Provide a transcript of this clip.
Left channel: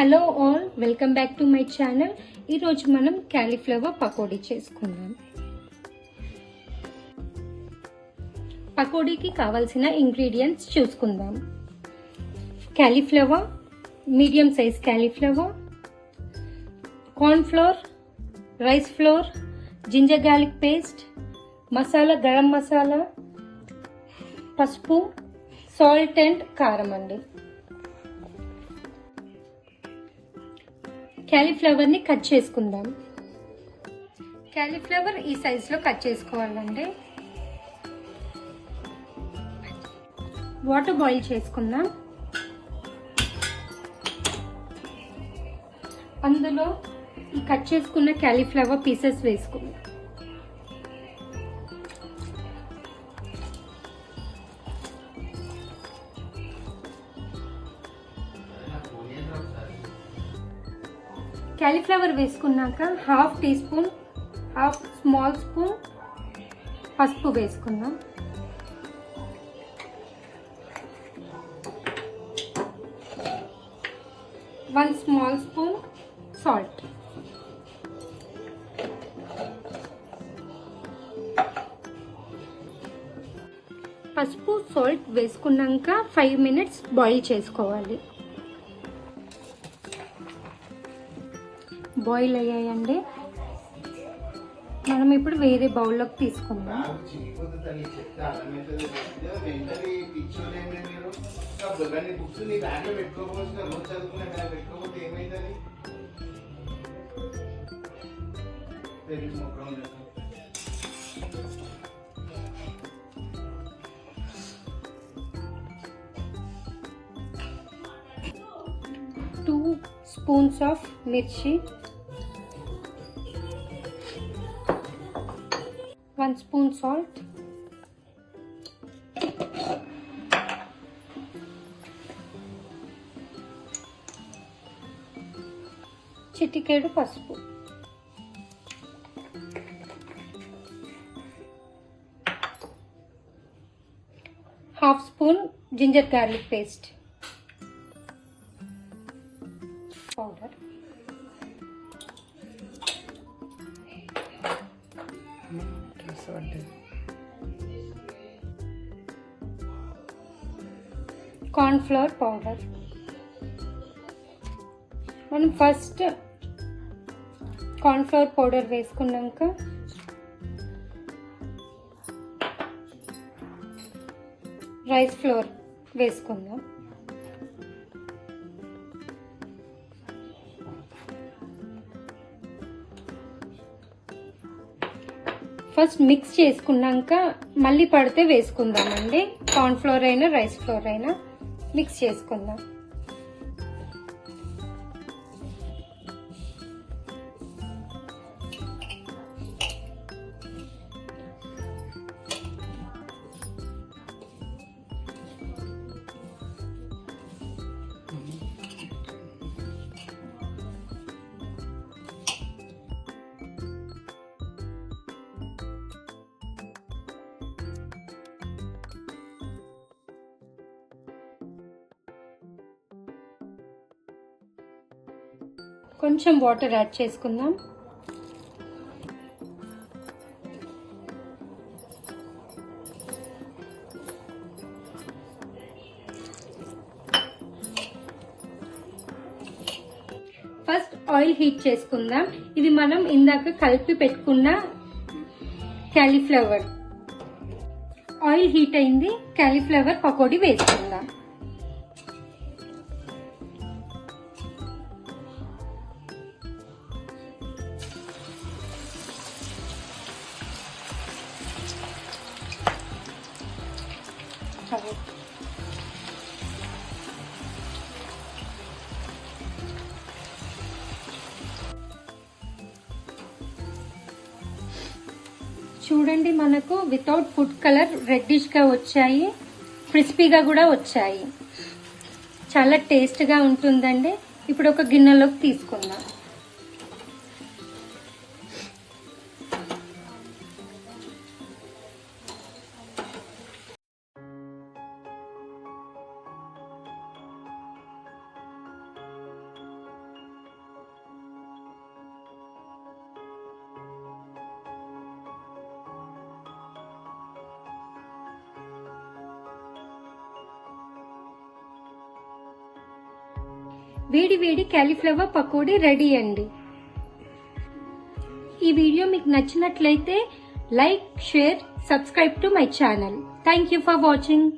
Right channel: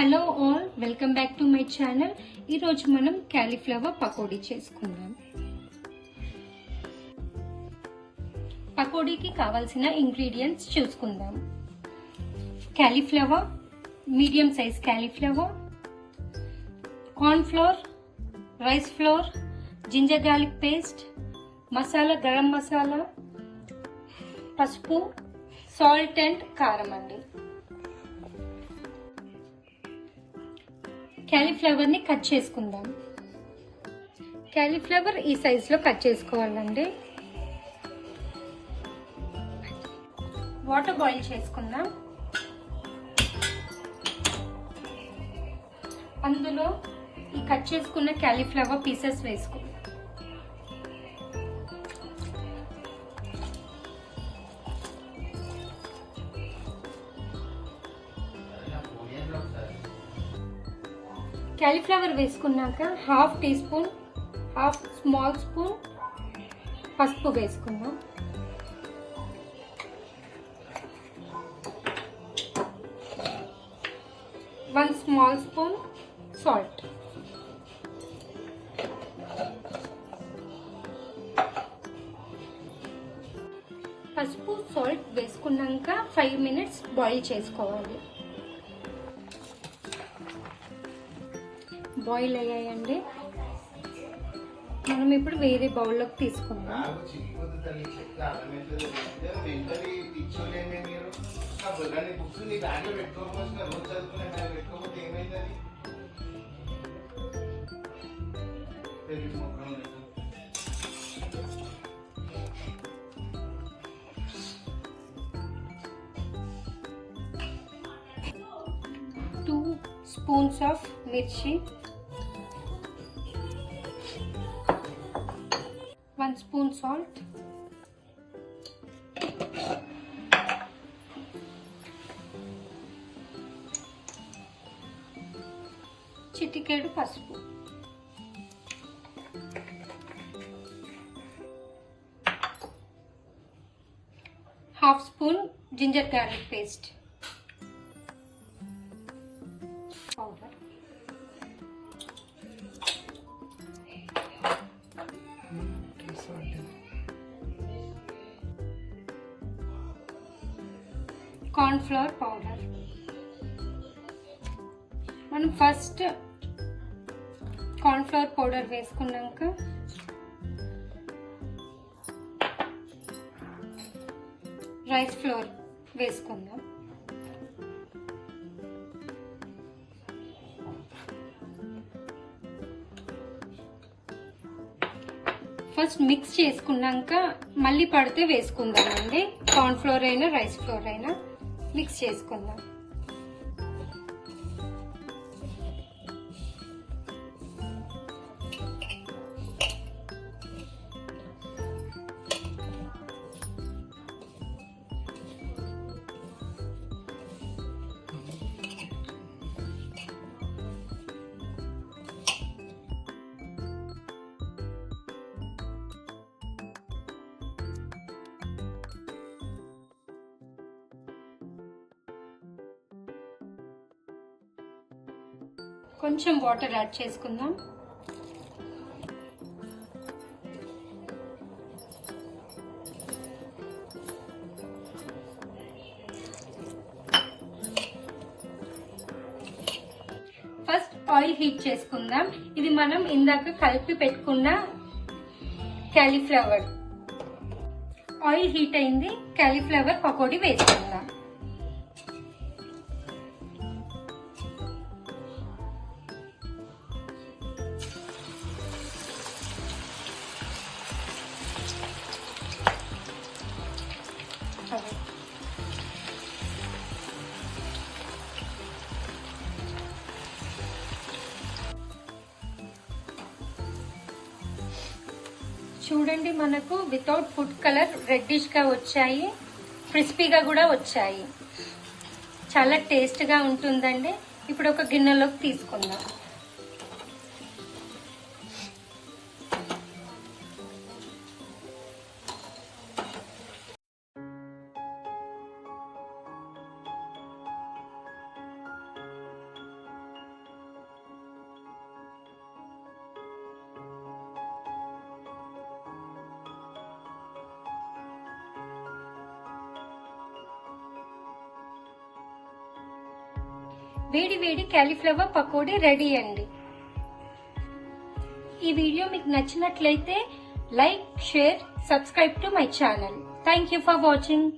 Hello all, welcome back to my channel. ఈరోజు మనం cauliflower pakodi చేసుకుందాం. పకోడీకి కావలసిన ఇంగ్రీడియంట్స్ చూసుకుందాం. Cauliflower, medium size cauliflower, corn flour, rice flour, ginger garlic paste, masala, garam masala, పసుపు, సాల్ట్ అండ్ కారం అండి. క్యాలీఫ్లవర్ ని కట్ చేసుకుందాం. క్యాలీఫ్లవర్ ఈ సైజ్ లో కట్ చేసుకోవాలండి. వాటర్ బాయిల్ చేసుకుందాం. అందులో ఈ కట్ చేసుకున్న క్యాలీఫ్లవర్ పీసెస్ వేసుకుందాం. క్యాలీఫ్లవర్ వేసుకున్నాక half teaspoon, half small spoon పసుపు వేసుకుందాం. One small spoon salt. పసుపు సాల్ట్ వేసుకున్నాక 5 minutes బాయిల్ చేసుకోవాలి. బాయిల్ అయ్యాయండి. మనం ఇప్పుడు వేరే బౌల్లోకి తీసుకుందాం. Two spoons of mirchi, 1 spoon salt, చిటికెడు పసుపు, half spoon ginger garlic paste powder, corn flour powder. మనం ఫస్ట్ కార్న్ ఫ్లోర్ పౌడర్ వేసుకున్నాక రైస్ ఫ్లోర్ వేసుకుందాం. ఫస్ట్ మిక్స్ చేసుకున్నాక మళ్ళీ పడితే వేసుకుందామండి. కార్న్ ఫ్లోర్ అయినా రైస్ ఫ్లోర్ అయినా మిక్స్ చేసుకుందాం. కొంచెం వాటర్ యాడ్ చేసుకుందాం. ఫస్ట్ ఆయిల్ హీట్ చేసుకుందాం. ఇది మనం ఇందాక కలిపి పెట్టుకున్న క్యాలీఫ్లవర్. ఆయిల్ హీట్ అయింది. క్యాలీఫ్లవర్ పకోడీ వేసుకుందాం. చూడండి, మనకు వితౌట్ ఫుడ్ కలర్ రెడ్డిష్ గా వచ్చాయి, క్రిస్పీగా కూడా వచ్చాయి. చాలా టేస్ట్ గా ఉంటుందండి. ఇప్పుడు ఒక గిన్నెలోకి తీసుకుందాం. వేడి వేడి కాలీఫ్లవర్ పకోడీ రెడీ అండి. ఈ వీడియో మీకు నచ్చినట్లయితే like, share, subscribe to my channel. Thank you for watching.